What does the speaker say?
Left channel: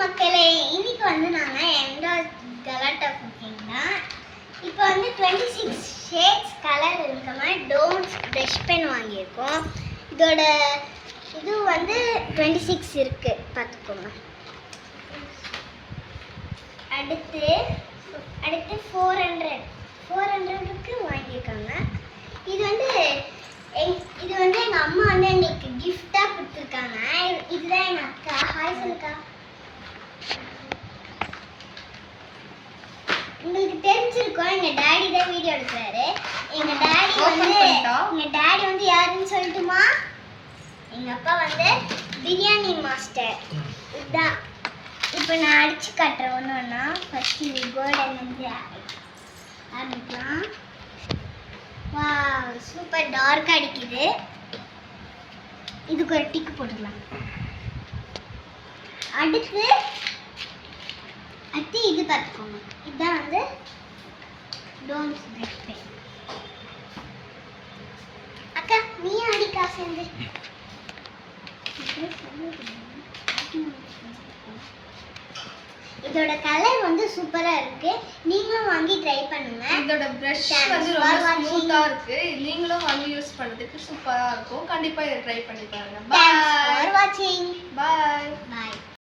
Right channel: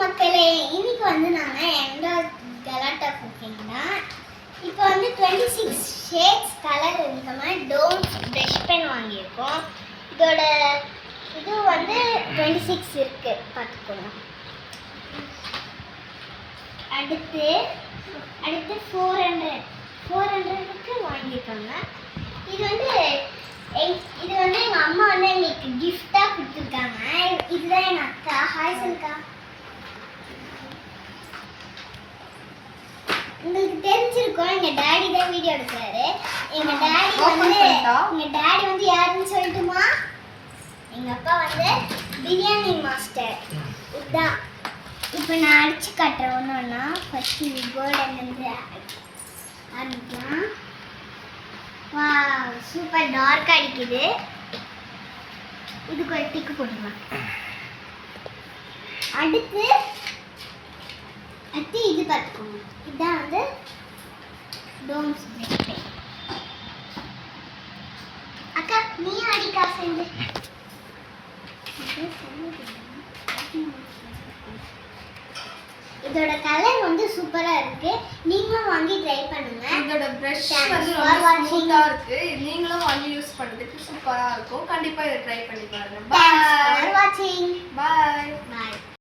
மக்களே, இன்னைக்கு வந்து நாங்க எண்டோர் கலாட்டா குக்கிங் தான். இப்போ வந்து 26 ஷேட்ஸ் கலர் இருக்க மாதிரி டோம்ஸ் ப்ரஷ் பென் வாங்கியிருக்கோம். இதோட இது வந்து 26 இருக்கு, பார்த்துக்கோங்க. அடுத்து 400க்கு வாங்கியிருக்காங்க. இது வந்து எங்கள் அம்மா வந்து எங்களுக்கு கிஃப்டாக கொடுத்துருக்காங்க. இதுதான் எங்கள் அக்கா. ஹாய் சொல்லுக்கா. உங்களுக்கு தெரிஞ்சிருக்கோம், எங்கள் டேடி தான் வீடியோ எடுக்கிறாரு. எங்கள் டேடி வந்து யாருன்னு சொல்லட்டுமா? எங்கள் அப்பா வந்து பிரியாணி மாஸ்டர். இதுதான் இப்போ நான் அடித்து காட்டுறேன் ஒன்று ஒன்றா. ஃபஸ்ட்டு இது கோல்டன் ஆரம்பிக்கலாம். வா, சூப்பர் டார்க் அடிக்குது. இதுக்கு ஒரு டிக்கு போட்டுக்கலாம். அடுத்து இது பார்த்துக்கோங்க. இதுதான் வந்து டோம்ஸ் ப்ரஷ் பென். அக்கா நீ அடிக்கா சேர்ந்து. இதோட கலர் வந்து சூப்பரா இருக்கு. நீங்களும் வாங்கி ட்ரை பண்ணுங்க. இதோட பிரஷ் வந்து ரொம்ப ஸ்மூத்தா இருக்கு. நீங்களும் வாங்கி யூஸ் பண்றதுக்கு சூப்பரா இருக்கும். கண்டிப்பா இத ட்ரை பண்ணி பாருங்க. Thanks for watching. Bye. Bye.